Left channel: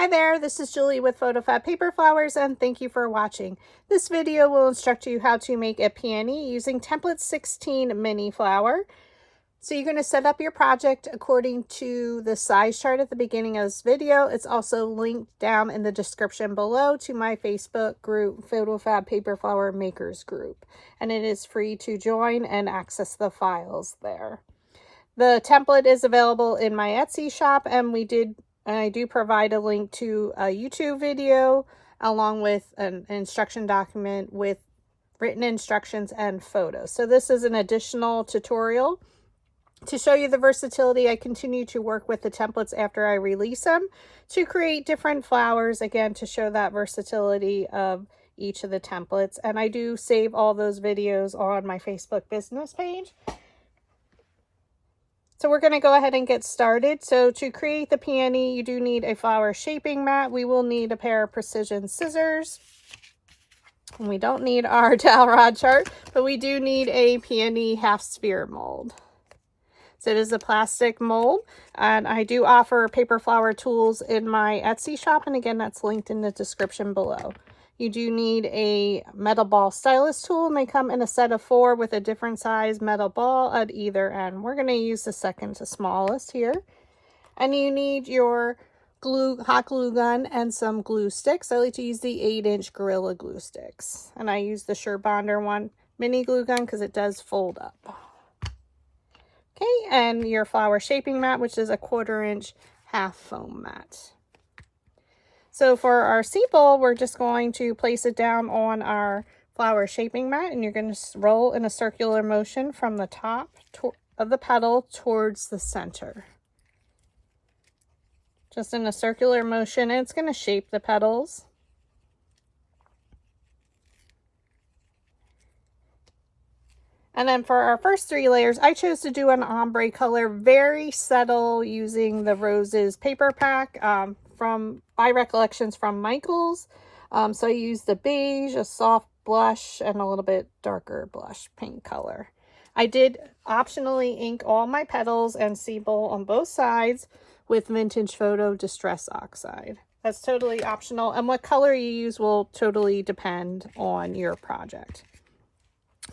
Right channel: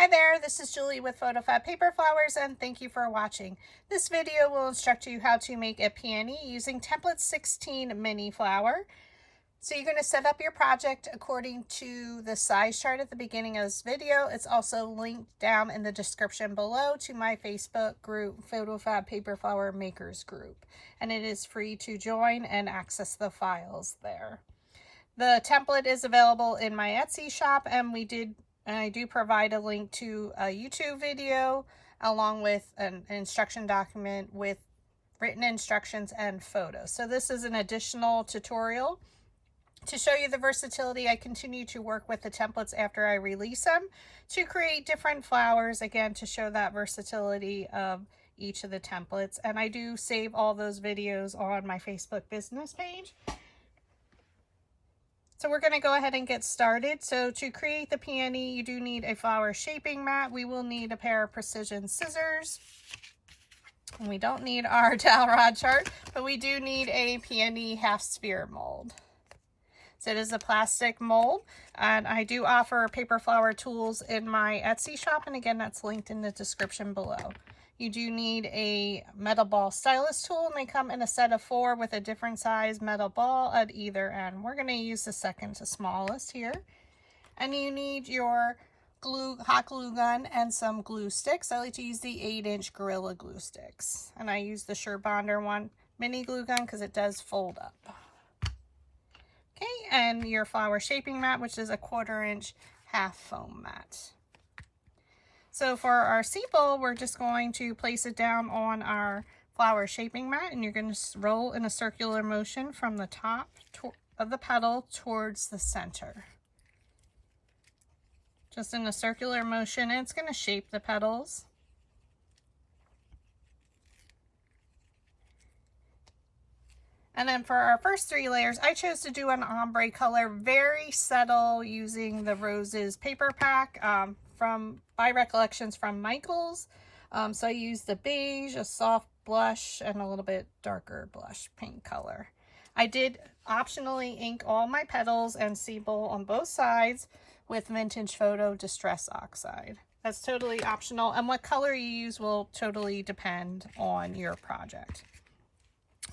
Hi there, this is Julie with PhotoFabPaperFlowers and thank you for watching. This video will instruct you how to make a peony using template 16 mini flower. So you're going to set up your project according to the size chart at the beginning of this video. It's also linked down in the description below to my Facebook group, PhotoFabPaperFlower Makers Group. And it is free to join and access the files there. The template is available in my Etsy shop and I do provide a link to a YouTube video along with an instruction document with written instructions and photos. So this is an additional tutorial to show you the versatility. I continue to work with the templates after I release them to create different flowers, again, to show that versatility of each of the templates. And I do save all those videos on my Facebook business page. So we're going to go ahead and get started. So to create the peony, you do need a flower shaping mat. We will need a pair of precision scissors. And we don't need our dowel rod chart, but we do need a peony half sphere mold. So it is a plastic mold, and I do offer paper flower tools in my Etsy shop. And again, that's linked in the description below. You do need a metal ball stylus tool, and they come in a set of 4 with a different size metal ball at either end. We're going to use the second to smallest here. And you need your hot glue gun and some glue sticks. I like to use the 8-inch Gorilla Glue sticks. And I use the Surebonder mini glue gun because it does fold up. Okay, and your flower shaping mat, which is a 1/4-inch half foam mat. So for our seed bowl, we're just going to place it down on our flower shaping mat, and you're going to roll in a circular motion from the top of the petal towards the center. Just in a circular motion, and it's going to shape the petals. And then for our first 3 layers, I chose to do an ombre color, very subtle, using the Roses paper pack from my recollections from Michaels. So I used the beige, a soft blush, and a little bit darker blush pink color. I did optionally ink all my petals and seed bowl on both sides with Vintage Photo Distress Oxide. That's totally optional, and what color you use will totally depend on your project.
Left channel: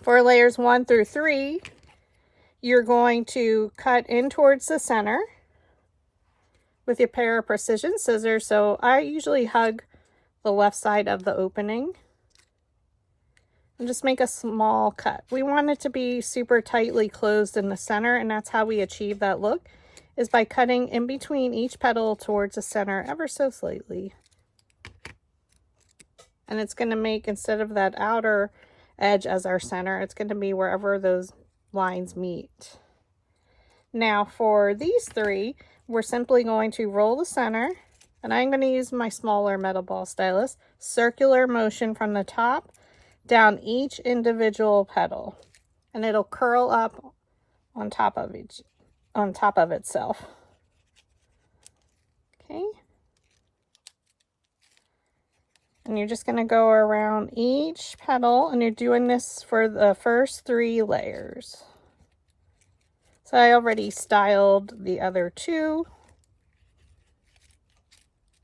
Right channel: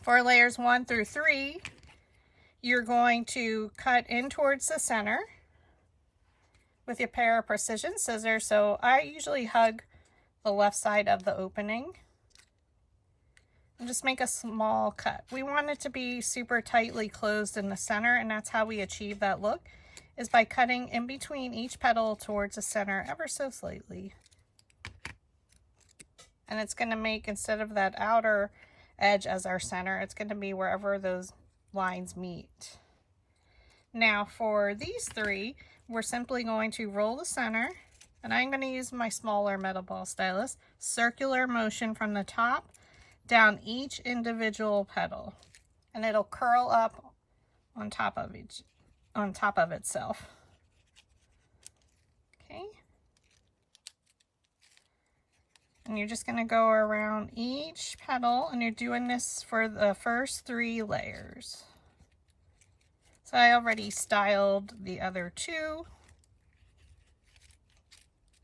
For layers 1 through 3, you're going to cut in towards the center with your pair of precision scissors. So I usually hug the left side of the opening and just make a small cut. We want it to be super tightly closed in the center, and that's how we achieve that look, is by cutting in between each petal towards the center ever so slightly. And it's going to make, instead of that outer edge as our center, it's going to be wherever those lines meet. Now for these 3, we're simply going to roll the center, and I'm going to use my smaller metal ball stylus, circular motion from the top down each individual petal, and it'll curl up on top of itself. Okay. And you're just going to go around each petal, and you're doing this for the first 3 layers. So I already styled the other 2.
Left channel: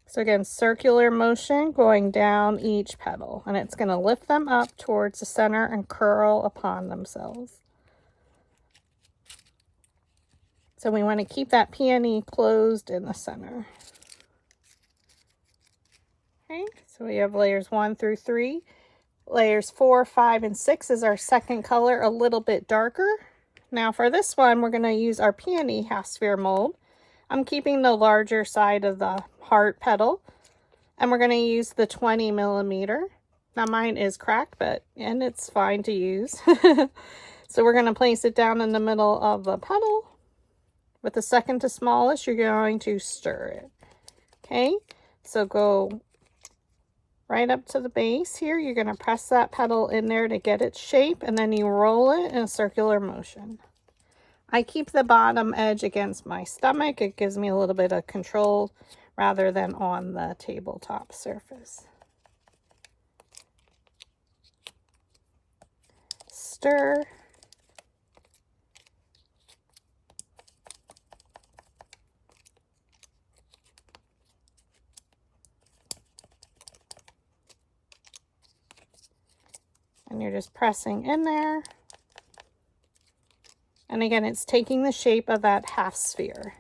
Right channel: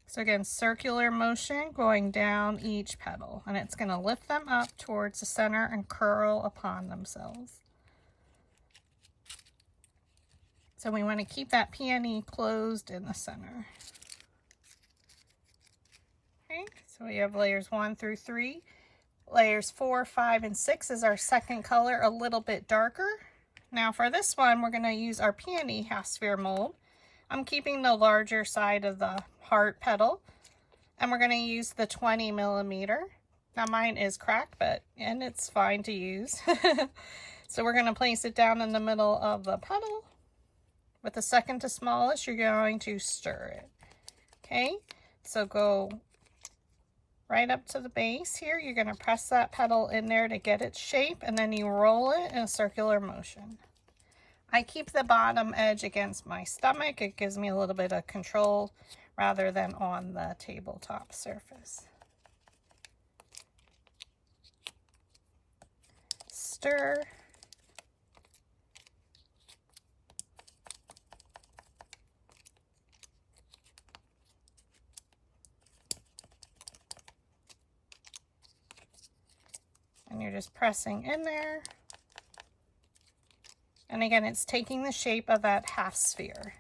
So again, circular motion going down each petal, and it's going to lift them up towards the center and curl upon themselves. So we want to keep that peony closed in the center. Okay, so we have layers 1 through 3. Layers 4, 5, and 6 is our second color, a little bit darker. Now for this one, we're going to use our peony half sphere mold. I'm keeping the larger side of the heart petal, and we're going to use the 20 millimeter. Now mine is cracked, and it's fine to use. So we're going to place it down in the middle of the petal. With the second to smallest, you're going to stir it. Okay, so go right up to the base here. You're going to press that petal in there to get its shape, and then you roll it in a circular motion. I keep the bottom edge against my stomach. It gives me a little bit of control rather than on the tabletop surface. Stir. And you're just pressing in there. And again, it's taking the shape of that half sphere.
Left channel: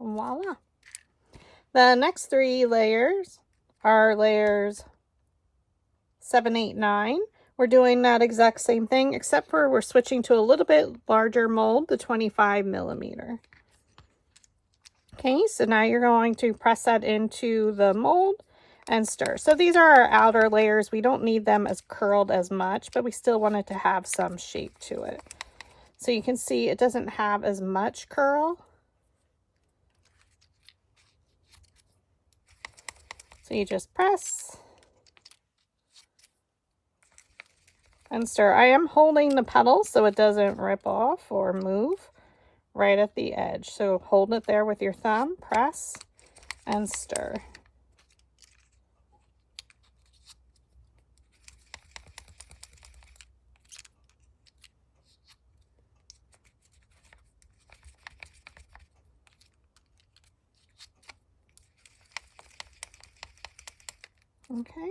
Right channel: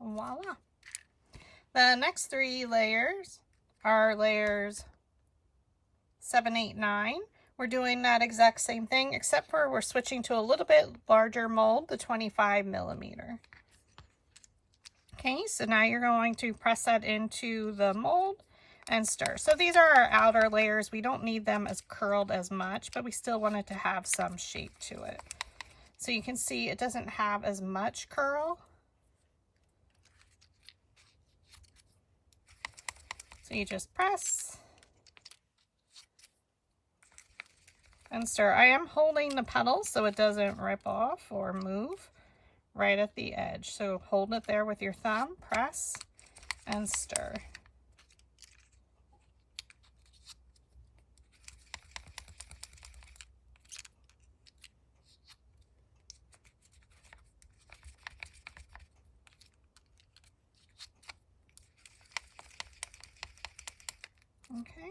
Voila. The next 3 layers are layers 7, 8, 9. We're doing that exact same thing, except for we're switching to a little bit larger mold, the 25 millimeter. Okay, so now you're going to press that into the mold and stir. So these are our outer layers. We don't need them as curled as much, but we still want it to have some shape to it. So you can see it doesn't have as much curl. So you just press and stir. I am holding the petals so it doesn't rip off or move right at the edge. So hold it there with your thumb, press and stir. Okay.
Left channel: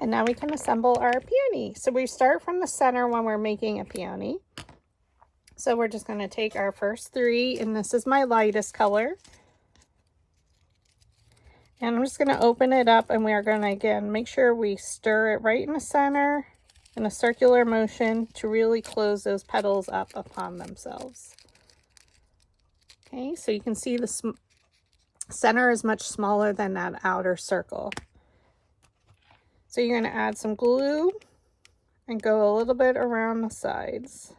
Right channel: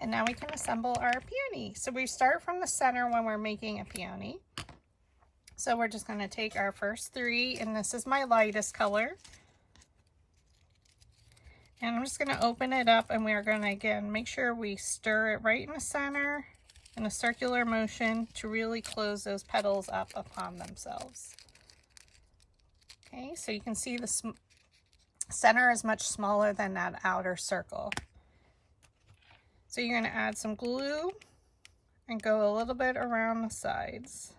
And now we can assemble our peony. So we start from the center when we're making a peony. So we're just going to take our first 3, and this is my lightest color. And I'm just going to open it up, and we are going to, again, make sure we stir it right in the center in a circular motion to really close those petals up upon themselves. Okay, so you can see the center is much smaller than that outer circle. So you're going to add some glue and go a little bit around the sides.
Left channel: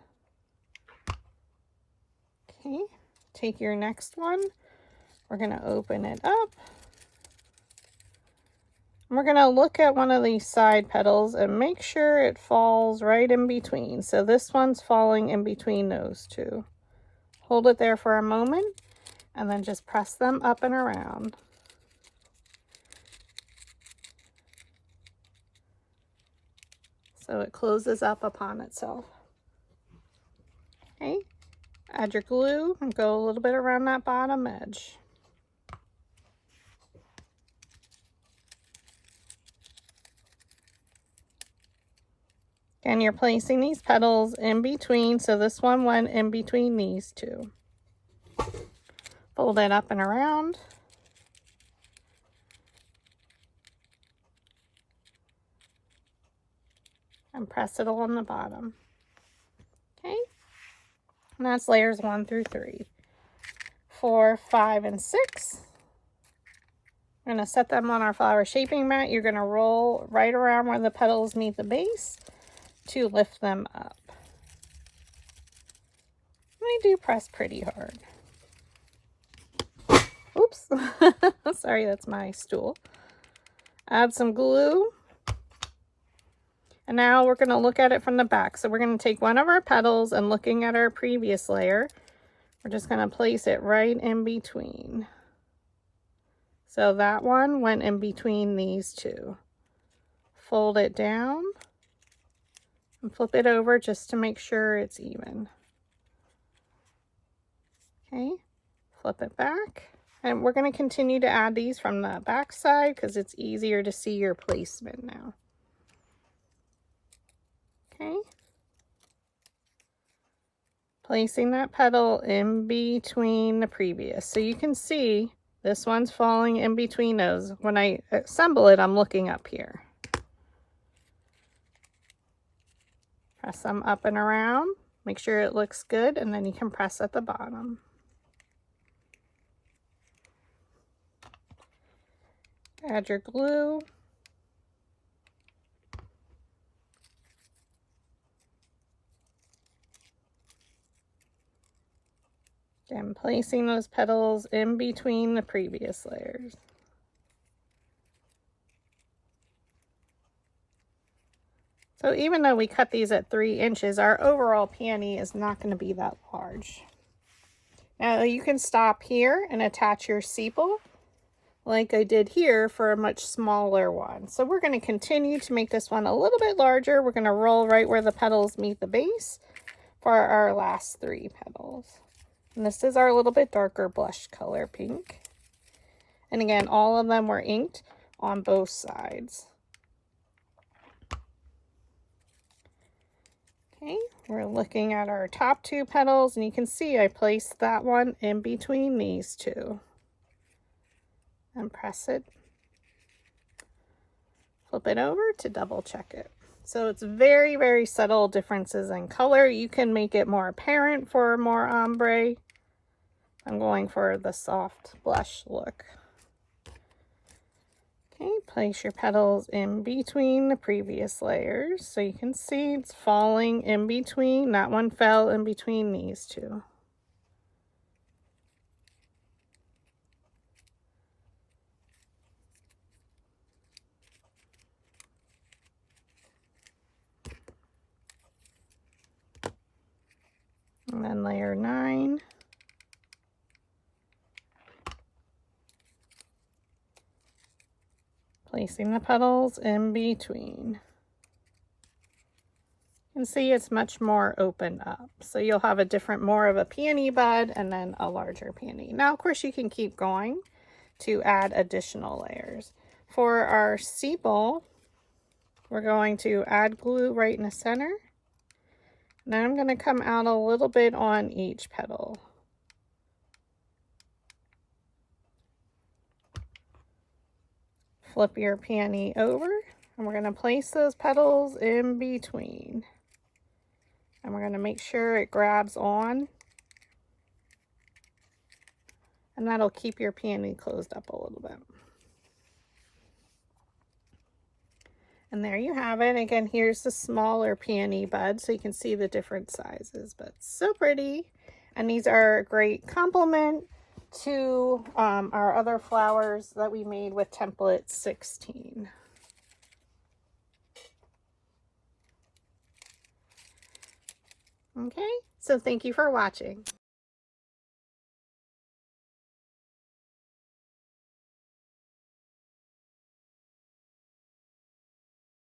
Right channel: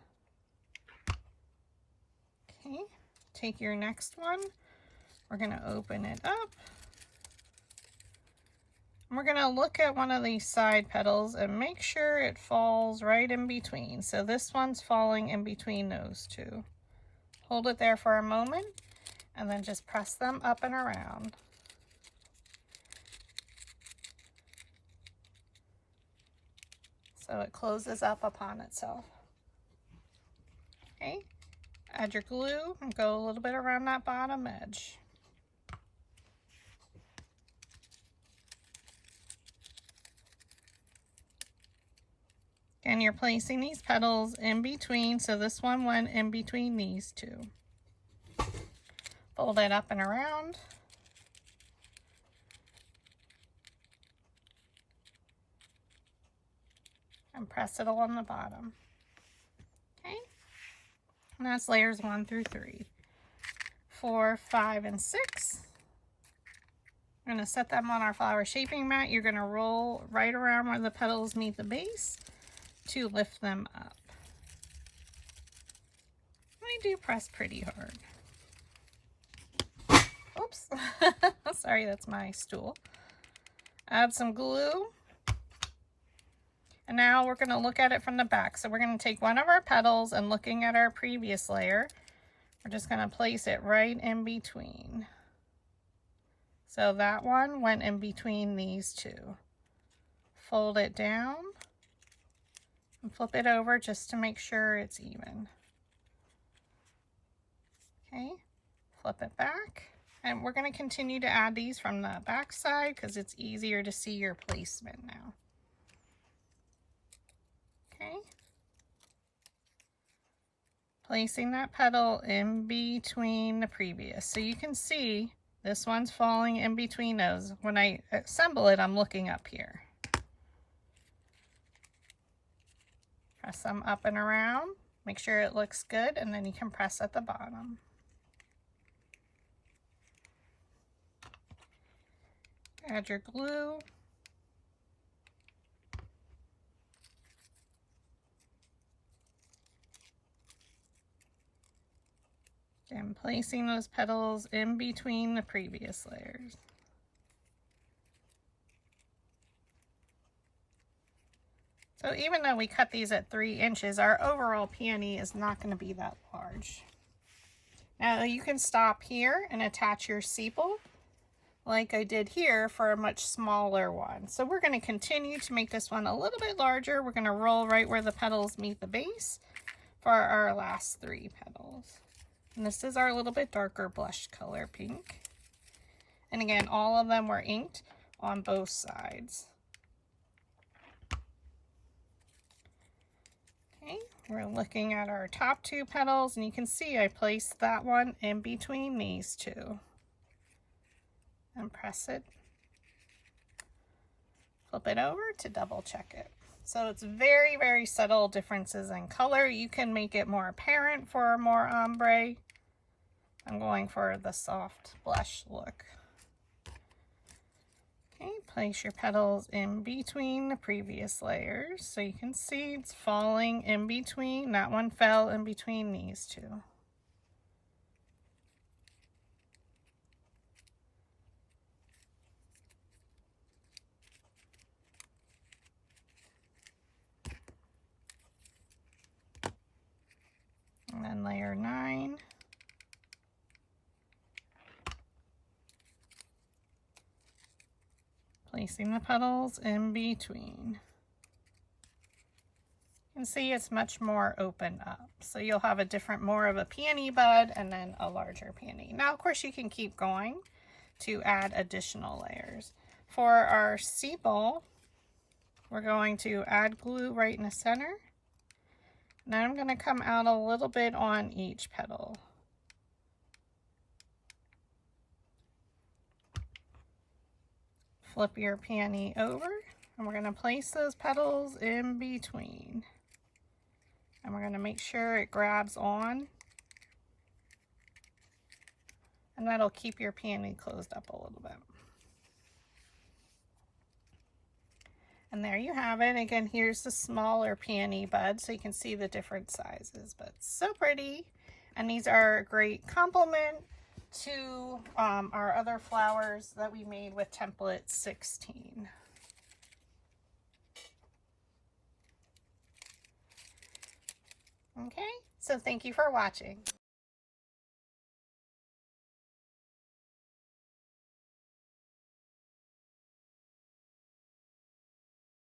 Okay, take your next one. We're going to open it up. And we're going to look at one of these side petals and make sure it falls right in between. So this one's falling in between those 2. Hold it there for a moment and then just press them up and around. So it closes up upon itself. Okay, add your glue and go a little bit around that bottom edge. And you're placing these petals in between, so this one went in between these 2. Fold it up and around. And press it along the bottom. Okay, and that's layers 1 through 3. 4, 5, and 6. We're going to set them on our flower shaping mat. You're going to roll right around where the petals meet the base to lift them up. I do press pretty hard. Oops. Sorry, that's my stool. Add some glue. And now we're going to look at it from the back. So we're going to take one of our petals and looking at our previous layer, we're just going to place it right in between. So that one went in between these 2. Fold it down and flip it over just to make sure it's even. Okay, flip it back. And we're going to continue to add these from the back side because it's easier to see your placement now. Okay, placing that petal in between the previous. So you can see this one's falling in between those. When I assemble it, I'm looking up here. Press them up and around. Make sure it looks good, and then you can press at the bottom. Add your glue. And placing those petals in between the previous layers. So even though we cut these at 3 inches, our overall peony is not going to be that large. Now you can stop here and attach your sepal like I did here for a much smaller one. So we're going to continue to make this one a little bit larger. We're going to roll right where the petals meet the base for our last 3 petals. And this is our little bit darker blush color pink. And again, all of them were inked on both sides. Okay, we're looking at our top 2 petals, and you can see I placed that one in between these 2. And press it. Flip it over to double check it. So it's very, very subtle differences in color. You can make it more apparent for more ombre. I'm going for the soft blush look. Okay, place your petals in between the previous layers. So you can see it's falling in between. That one fell in between these 2. And then layer 9. Placing the petals in between. You can see it's much more open up. So you'll have a different, more of a peony bud and then a larger peony. Now, of course, you can keep going to add additional layers. For our sepal, we're going to add glue right in the center. Then I'm going to come out a little bit on each petal. Flip your peony over, and we're going to place those petals in between. And we're going to make sure it grabs on. And that'll keep your peony closed up a little bit. And there you have it. Again, here's the smaller peony bud, so you can see the different sizes, but so pretty. And these are a great complement to our other flowers that we made with template 16. Okay, so thank you for watching.